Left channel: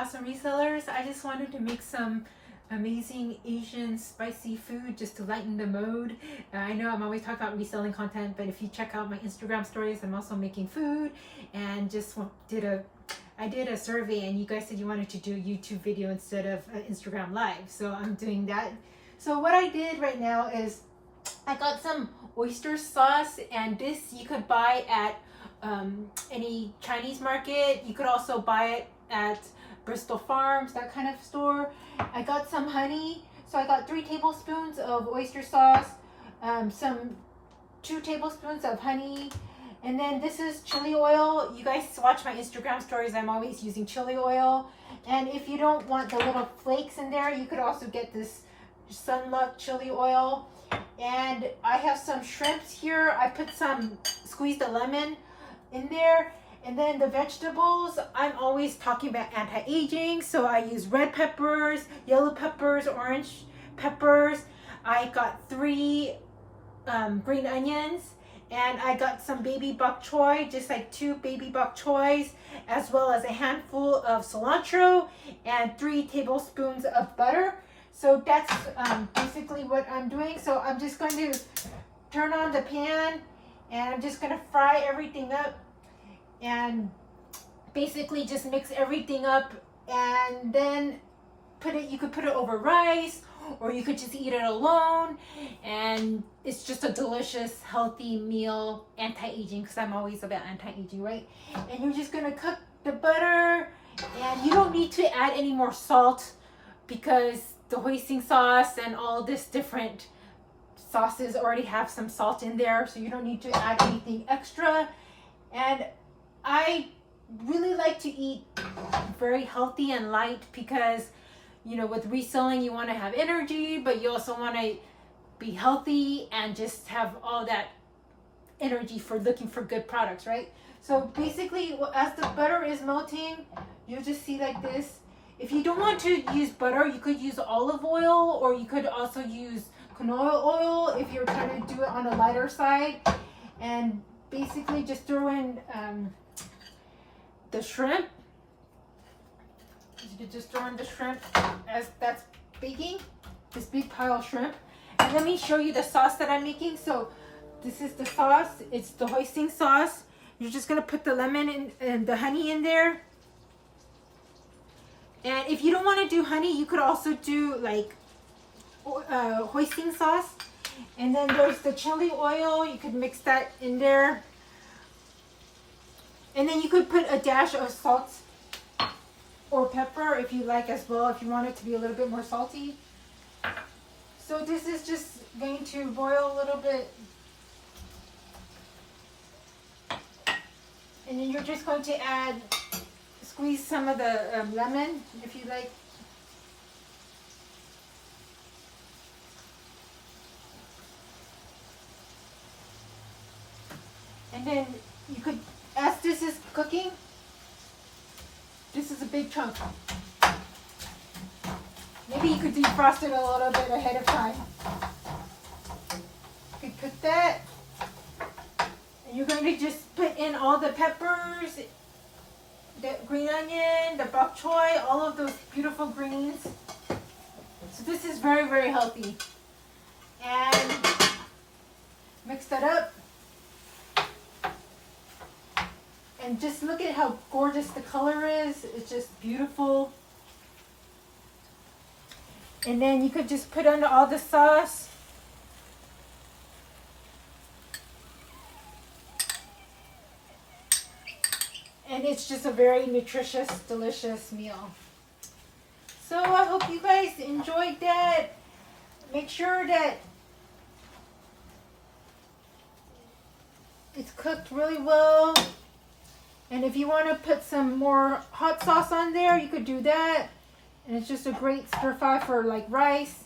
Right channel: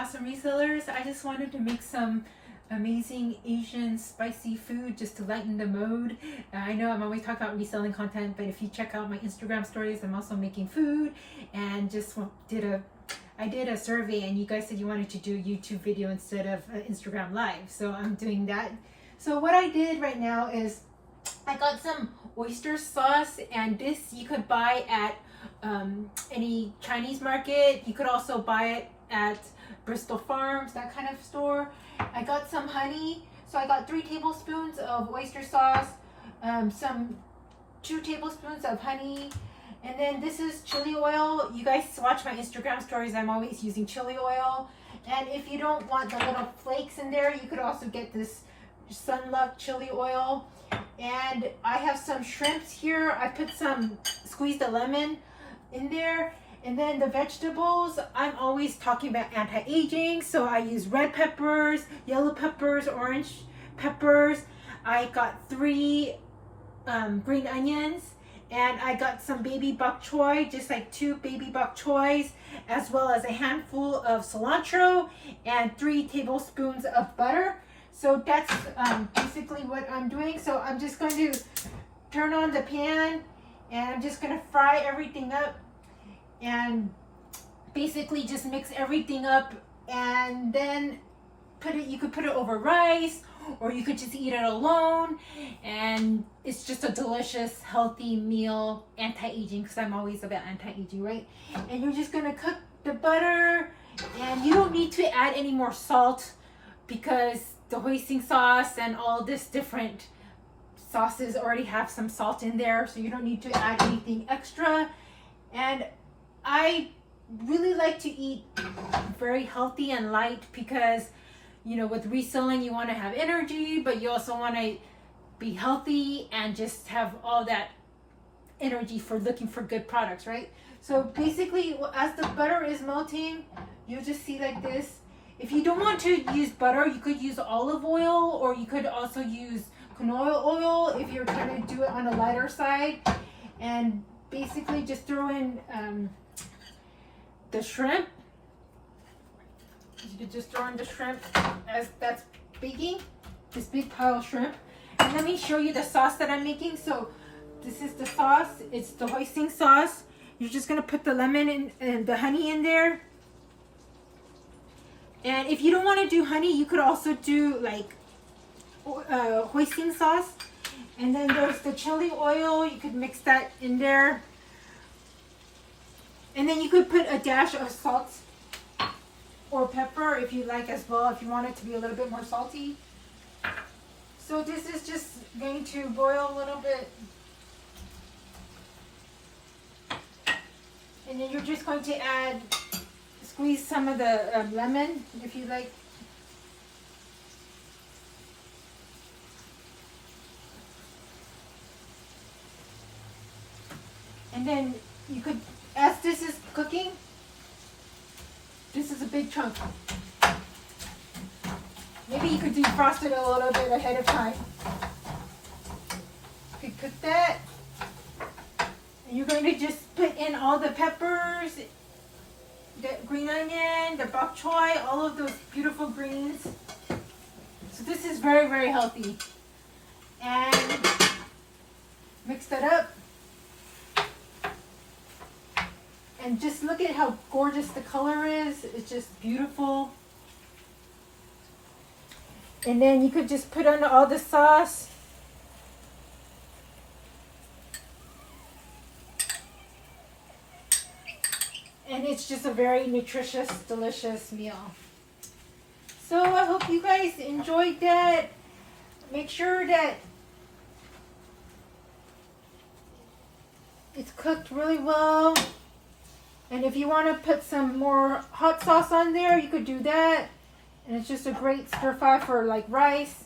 awesome resellers. I just wanted to make some amazing Asian spicy food just to lighten the mood. I know I'm always talking about reselling content, but if you check out my Instagram stories, I'm also making food, and I did a survey and you guys said you wanted to do a YouTube video instead of Instagram live, so I'm doing that. So what I did right now is I got some oyster sauce, and this you could buy at any Chinese market. You could also buy it at Bristol Farms, that kind of store. I got some honey, so I got 3 tablespoons of oyster sauce, 2 tablespoons of honey, and then this is chili oil. You guys watch my Instagram stories, I'm always using chili oil. And if you don't want the little flakes in there, you could also get this Sunluck chili oil. And I have some shrimps here. I put some squeezed a lemon in there. And then the vegetables, I'm always talking about anti-aging, so I use red peppers, yellow peppers, orange peppers. I got 3 green onions, and I got some baby bok choy, just like 2 baby bok choys, as well as a handful of cilantro and 3 tablespoons of butter. So that's basically what I'm doing. So I'm just going to turn on the pan, and I'm just going to fry everything up, and basically just mix everything up, and then you could put it over rice, or you could just eat it alone, and it's just a delicious healthy meal, anti-aging, because I'm always about anti-aging, right? And you're just going to cook the butter, and you don't need to add any more salt because the hoisin sauce and all this different sauces already have some salt in there, so you don't need to add anything extra. And I really like to eat very healthy and light because, you know, with reselling you want to have energy, but you also want to be healthy and just have all that energy for looking for good products, right? So basically, as the butter is melting, you'll just see like this. If you don't want to use butter, you could use olive oil, or you could also use canola oil if you're trying to do it on a lighter side. And basically just throw in the shrimp. You could just throw in the shrimp as that's baking, this big pile of shrimp. And let me show you the sauce that I'm making. So this is the sauce. It's the hoisin sauce. You're just gonna put the lemon in and the honey in there. And if you don't want to do honey, you could also do like hoisin sauce. And then there's the chili oil. You could mix that in there. And then you could put a dash of salt or pepper if you like as well, if you want it to be a little bit more salty. So this is just going to boil a little bit. And then you're just going to squeeze some of the lemon if you like. And then you could, as this is cooking, this is a big chunk. Maybe you could defrost it a little bit ahead of time. You could cook that. And you're going to just put in all the peppers, the green onion, the bok choy, all of those beautiful greens. So this is very, very healthy. And mix that up. And just look at how gorgeous the color is. It's just beautiful. And then you could just put on all the sauce. And it's just a very nutritious, delicious meal. So I hope you guys enjoyed that. Make sure that it's cooked really well. And if you want to put some more hot sauce on there, you could do that. And it's just a great stir fry for like rice.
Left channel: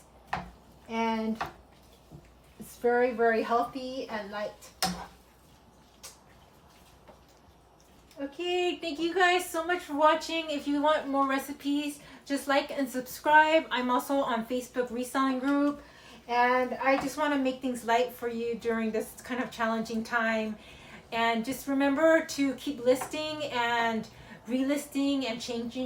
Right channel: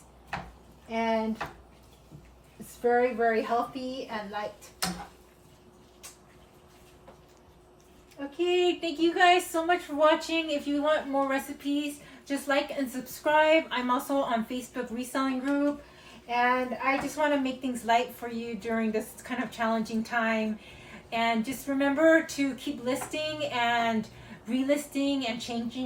And it's very, very healthy and light. Okay, thank you guys so much for watching. If you want more recipes, just like and subscribe. I'm also on Facebook reselling group. And I just want to make things light for you during this kind of challenging time. And just remember to keep listing and relisting and changing